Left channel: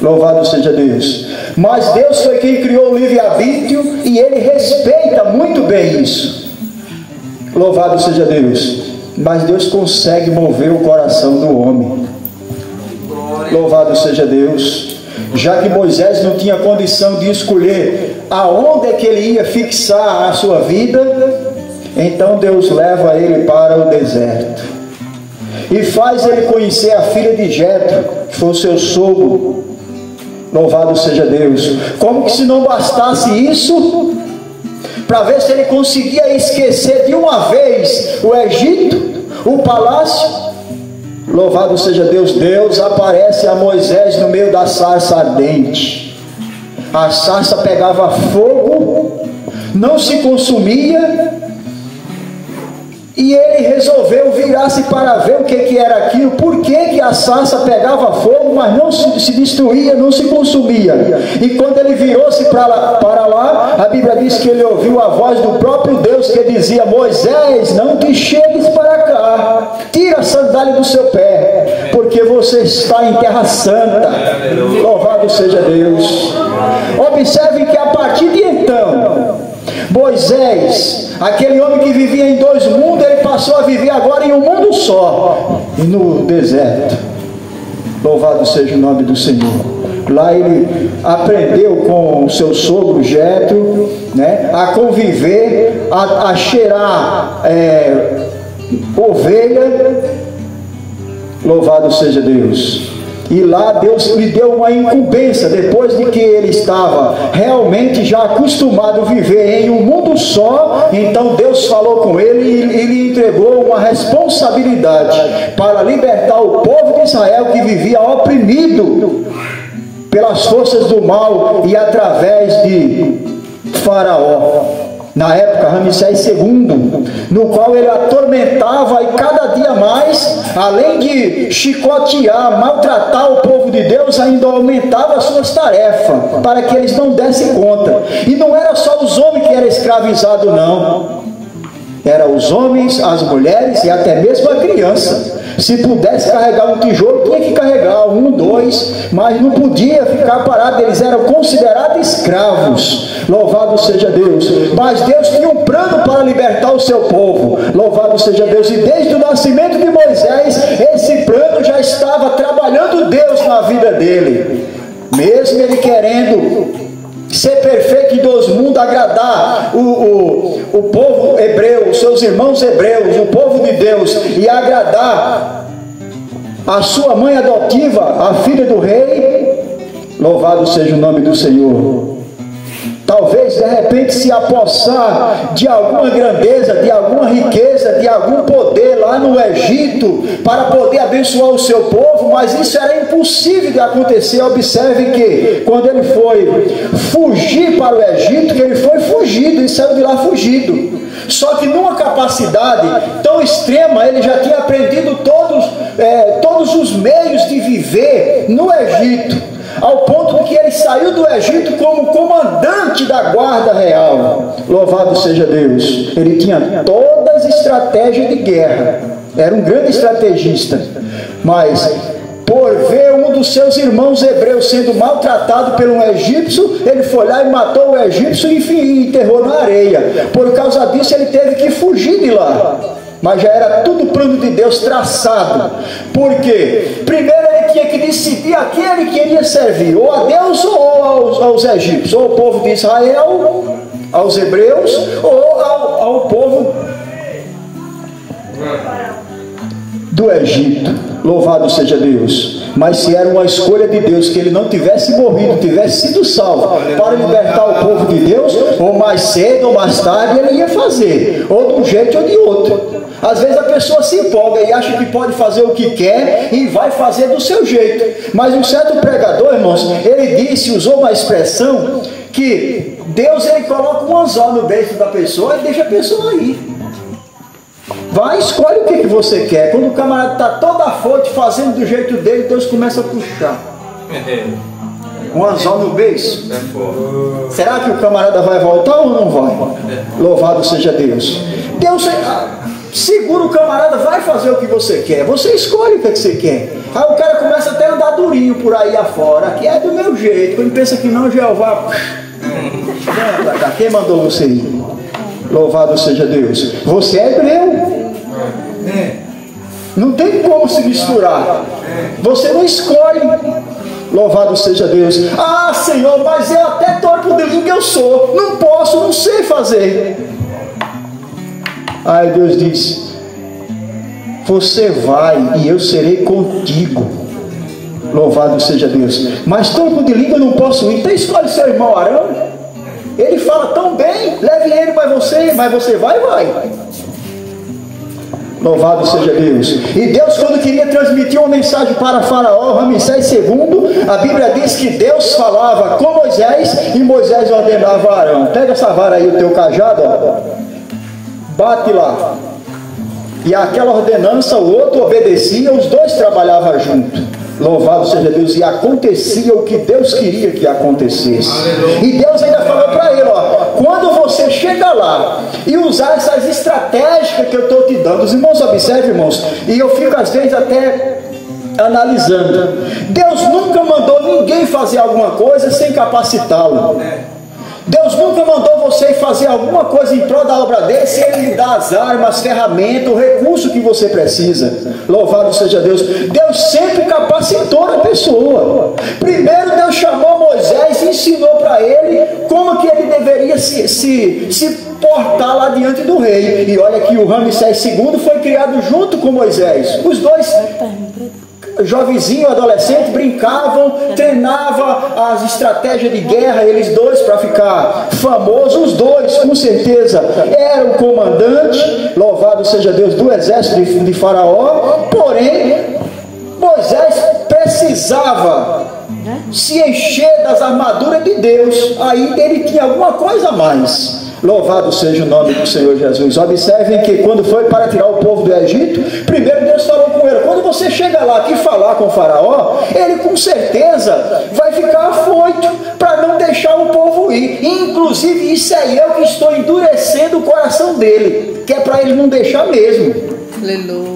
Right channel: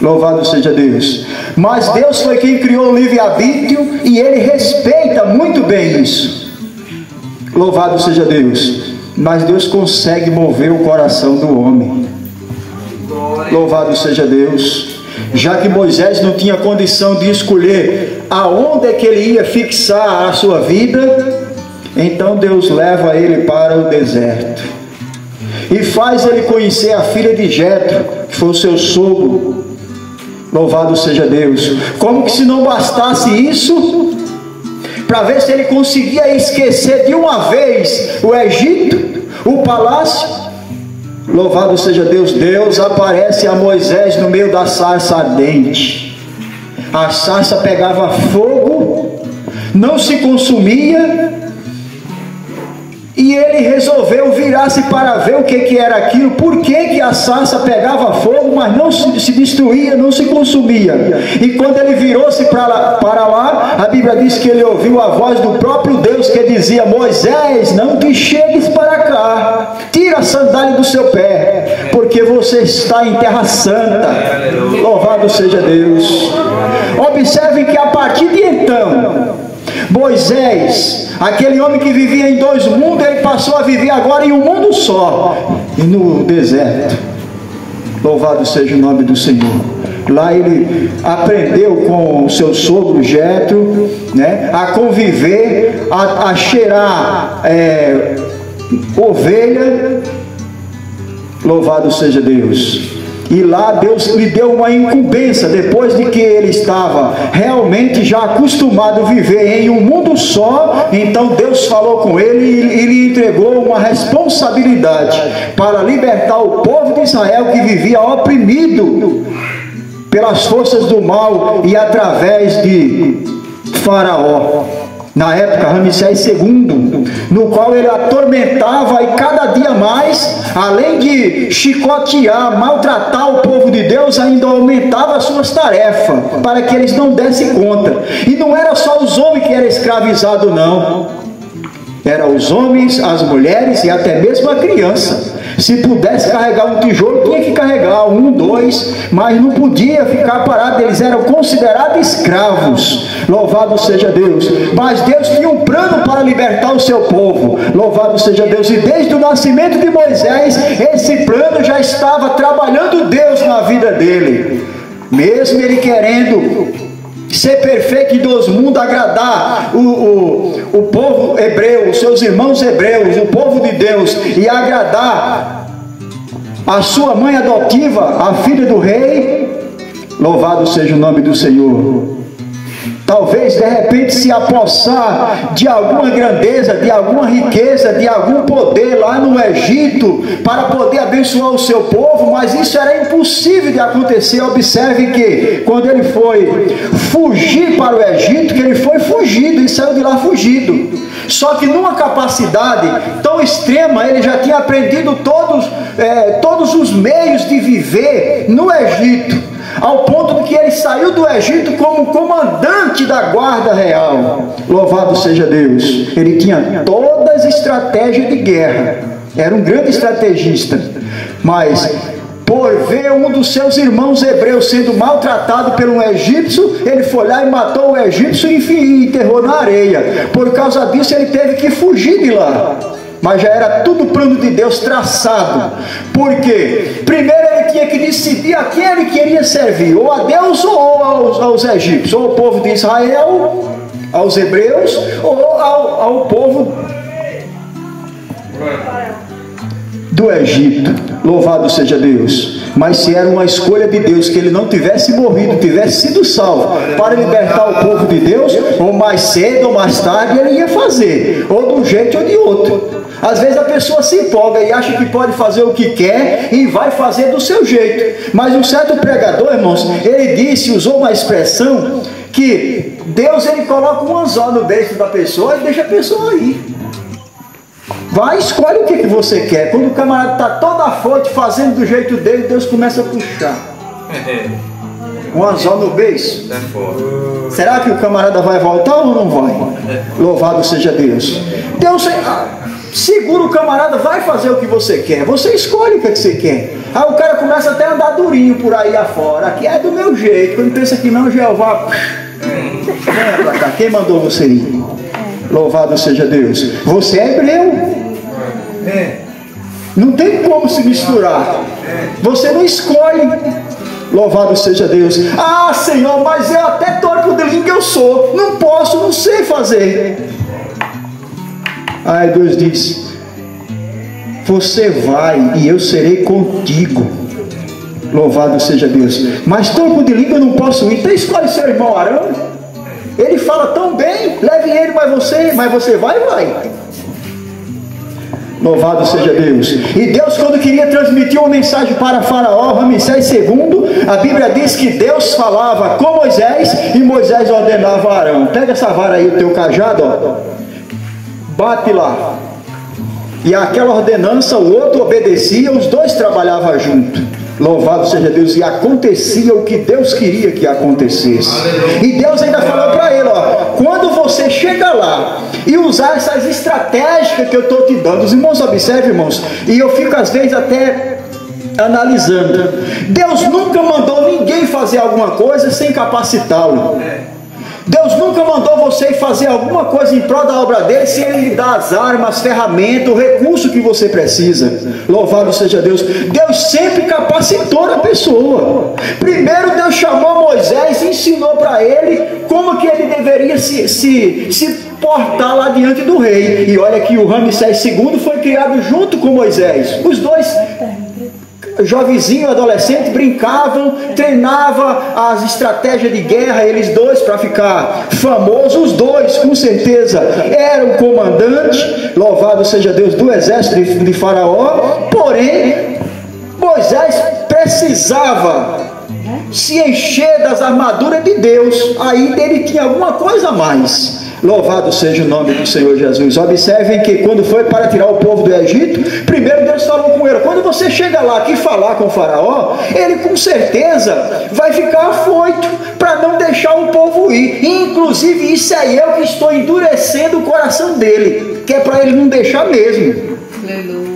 Louvado seja Deus. Mas Deus foi quem criou o livre-arbítrio e Ele respeita muito bem isso. Louvado seja Deus. Mas Deus consegue mover o coração do homem. Louvado seja Deus. Já que Moisés não tinha condição de escolher aonde é que ele ia fixar a sua vida, então Deus leva ele para o deserto e faz ele conhecer a filha de Jetro, que foi o seu sogro. Louvado seja Deus. Como que se não bastasse isso, para ver se ele conseguia esquecer de uma vez o Egito, o palácio. Louvado seja Deus. Deus aparece a Moisés no meio da sarça ardente. A sarça pegava fogo, não se consumia, e ele resolveu virar-se para ver o que era aquilo, por que a sarça pegava fogo, mas não se destruía, não se consumia. E quando ele virou-se para lá, a Bíblia diz que ele ouviu a voz do próprio Deus que dizia: Moisés, não te chegues para cá, tira a sandália do seu pé, porque você está em terra santa. Louvado seja Deus. Observe que a partir de então, Moisés, aquele homem que vivia em dois mundos, ele passou a viver agora em um mundo só, e no deserto. Louvado seja o nome do Senhor. Lá ele aprendeu com o seu sogro Jetro, né, a conviver, a cheirar ovelha. Louvado seja Deus. E lá Deus lhe deu uma incumbência, depois de que ele estava realmente já acostumado a viver em um mundo só. Então Deus falou com ele e lhe entregou uma responsabilidade para libertar o povo de Israel, que vivia oprimido pelas forças do mal e através de Faraó, na época Ramsés II, no qual ele atormentava, e cada dia mais, além de chicotear, maltratar o povo de Deus, ainda aumentava as suas tarefas, para que eles não dessem conta. E não era só os homens que eram escravizados, não. Eram os homens, as mulheres e até mesmo a criança. Se pudesse carregar um tijolo, tinha que carregar 1, 2, mas não podia ficar parado. Eles eram considerados escravos. Louvado seja Deus. Mas Deus tinha um plano para libertar o seu povo. Louvado seja Deus. E desde o nascimento de Moisés, esse plano já estava trabalhando Deus na vida dele. Mesmo ele querendo ser perfeito em dois mundos, agradar o povo hebreu, os seus irmãos hebreus, o povo de Deus, e agradar a sua mãe adotiva, a filha do rei. Louvado seja o nome do Senhor. Talvez de repente se apossar de alguma grandeza, de alguma riqueza, de algum poder lá no Egito, para poder abençoar o seu povo, mas isso era impossível de acontecer. Observe que quando ele foi fugir para o Egito, que ele foi fugido e saiu de lá fugido. Só que numa capacidade tão extrema, ele já tinha aprendido todos os meios de viver no Egito, ao ponto de que ele saiu do Egito como comandante da guarda real. Louvado seja Deus. Ele tinha todas as estratégias de guerra, era um grande estrategista, mas por ver um dos seus irmãos hebreus sendo maltratado por um egípcio, ele foi lá e matou o egípcio e enterrou na areia. Por causa disso ele teve que fugir de lá. Mas já era tudo plano de Deus traçado. Por quê? Primeiro ele tinha que decidir a quem ele queria servir, ou a Deus ou aos egípcios, ou ao povo de Israel, aos hebreus, ou ao povo do Egito. Louvado seja Deus. Mas se era uma escolha de Deus que ele não tivesse morrido, tivesse sido salvo para libertar o povo de Deus, ou mais cedo ou mais tarde ele ia fazer, ou de um jeito ou de outro. Às vezes a pessoa se empolga e acha que pode fazer o que quer e vai fazer do seu jeito. Mas um certo pregador, irmãos, ele usou uma expressão que Deus ele coloca um anzol no beijo da pessoa e deixa a pessoa ir. Vai, escolhe o que você quer. Quando o camarada está todo afoito fazendo do jeito dele, Deus começa a puxar um anzol no beijo. Será que o camarada vai voltar ou não vai? Louvado seja Deus. Deus, segura o camarada, vai fazer o que você quer. Você escolhe o que você quer. Aí o cara começa até a andar durinho por aí afora. Aqui é do meu jeito. Quando pensa que não, Jeová. Quem mandou você ir? Louvado seja Deus. Você é hebreu. Não tem como se misturar. Você não escolhe. Louvado seja Deus. Ah, Senhor, mas eu até torto de língua eu sou. Não posso, não sei fazer. Aí Deus diz: você vai e eu serei contigo. Louvado seja Deus. Mas torto de língua eu não posso ir. Então escolhe seu irmão Arão. Ele fala tão bem. Leve ele, mas você vai. Louvado seja Deus. E Deus, quando queria transmitir uma mensagem para Faraó, Ramsés II, a Bíblia diz que Deus falava com Moisés e Moisés ordenava a Arão: pega essa vara aí, o teu cajado, ó, bate lá. E aquela ordenança, o outro obedecia, os dois trabalhavam junto. Louvado seja Deus. E acontecia o que Deus queria que acontecesse. Aleluia. E Deus ainda falou para ele: ó, quando você chega lá e usar essas estratégias que eu estou te dando, os irmãos observem, irmãos, e eu fico às vezes até analisando, Deus nunca mandou ninguém fazer alguma coisa sem capacitá-lo. Deus nunca mandou você fazer alguma coisa em prol da obra dele sem ele lhe dar as armas, as ferramentas, o recurso que você precisa. Louvado seja Deus. Deus sempre capacitou a pessoa. Primeiro Deus chamou Moisés e ensinou para ele como que ele deveria se portar lá diante do rei. E olha que o Ramsés II foi criado junto com Moisés. Os dois, jovenzinho, adolescente, brincavam, treinavam as estratégias de guerra, eles dois, para ficar famosos. Os dois, com certeza, eram comandantes, louvado seja Deus, do exército de Faraó. Porém, Moisés precisava se encher das armaduras de Deus. Aí ele tinha alguma coisa a mais. Louvado seja o nome do Senhor Jesus. Observem que quando foi para tirar o povo do Egito, primeiro Deus falou com ele: quando você chega lá aqui falar com o Faraó, ele com certeza vai ficar afoito para não deixar o povo ir. Inclusive isso é eu que estou endurecendo o coração dele, que é para ele não deixar mesmo. Aleluia.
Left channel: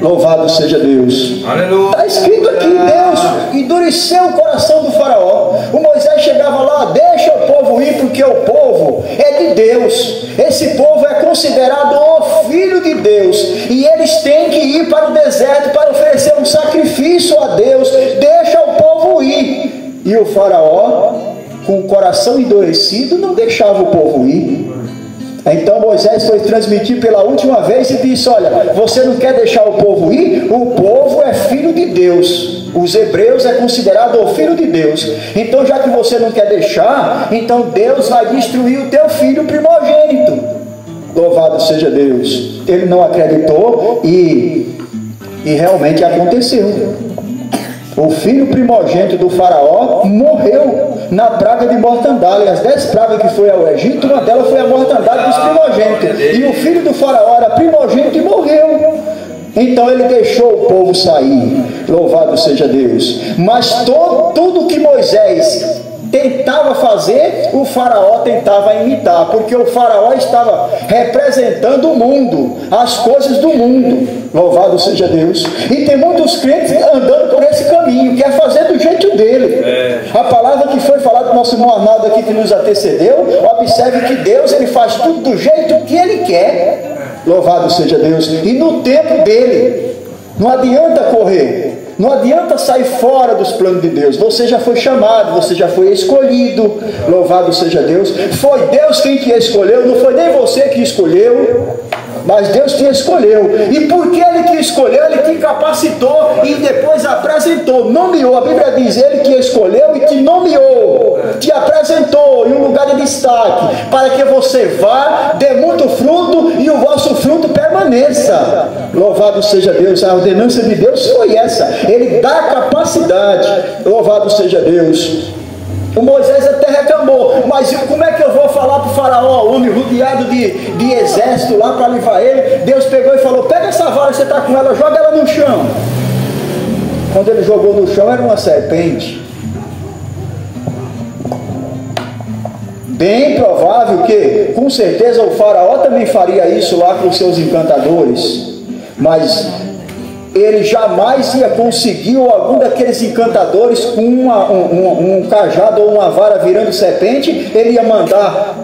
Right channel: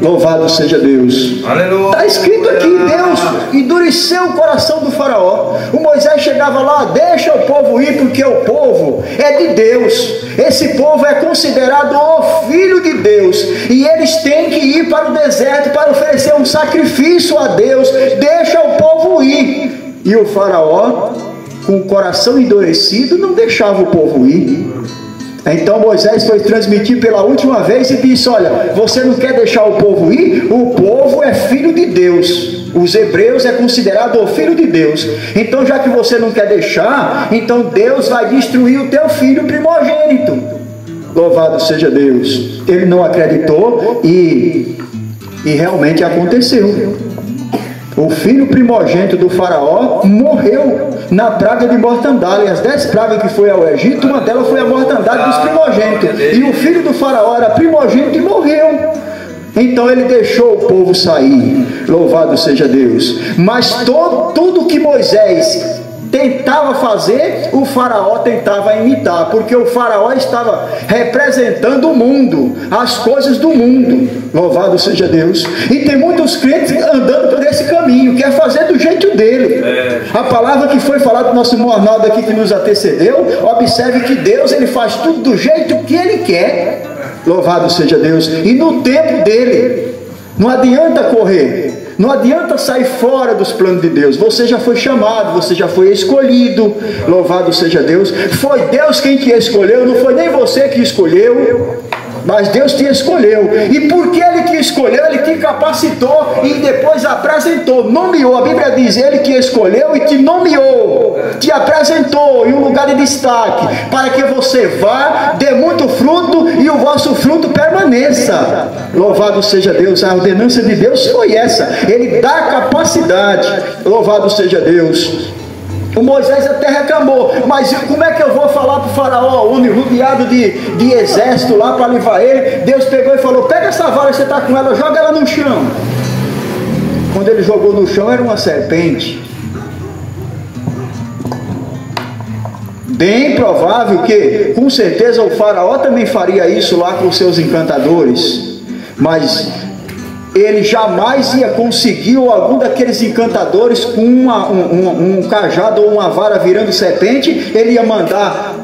Louvado seja Deus. Aleluia. Está escrito aqui: Deus endureceu o coração do Faraó. O Moisés chegava lá: deixa o povo ir, porque o povo é de Deus. Esse povo é considerado o filho de Deus, e eles têm que ir para o deserto para oferecer um sacrifício a Deus. Deixa o povo ir. E o Faraó, com o coração endurecido, não deixava o povo ir. Então Moisés foi transmitir pela última vez e disse: olha, você não quer deixar o povo ir? O povo é filho de Deus. Os hebreus é considerado o filho de Deus. Então, já que você não quer deixar, então Deus vai destruir o teu filho primogênito. Louvado seja Deus. Ele não acreditou e realmente aconteceu. O filho primogênito do Faraó morreu na praga de mortandade. As 10 pragas que foi ao Egito, uma delas foi a mortandade dos primogênitos. E o filho do Faraó era primogênito e morreu. Então ele deixou o povo sair. Louvado seja Deus. Mas tudo que Moisés tentava fazer, o Faraó tentava imitar, porque o Faraó estava representando o mundo, as coisas do mundo. Louvado seja Deus. E tem muitos crentes andando por esse caminho, quer fazer do jeito dele. A palavra que foi falada do nosso irmão Arnaldo aqui, que nos antecedeu, observe que Deus, ele faz tudo do jeito que ele quer. Louvado seja Deus. E no tempo dele. Não adianta correr, não adianta sair fora dos planos de Deus. Você já foi chamado, você já foi escolhido. Louvado seja Deus. Foi Deus quem te escolheu, não foi nem você que escolheu, mas Deus te escolheu. E porque Ele te escolheu, Ele te capacitou e depois apresentou, nomeou. A Bíblia diz: Ele te escolheu e te nomeou, te apresentou em um lugar de destaque, para que você vá, dê muito fruto e o vosso fruto permaneça. Louvado seja Deus. A ordenança de Deus foi essa. Ele dá capacidade. Louvado seja Deus. O Moisés até reclamou: mas como é que eu vou falar para o Faraó, rodeado de exército lá para levar ele? Deus pegou e falou: pega essa vara que você está com ela, joga ela no chão. Quando ele jogou no chão, era uma serpente. Bem provável que, com certeza, o faraó também faria isso lá com seus encantadores, mas ele jamais ia conseguir, ou algum daqueles encantadores com um cajado ou uma vara virando serpente, ele ia mandar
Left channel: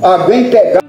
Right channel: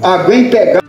alguém pegar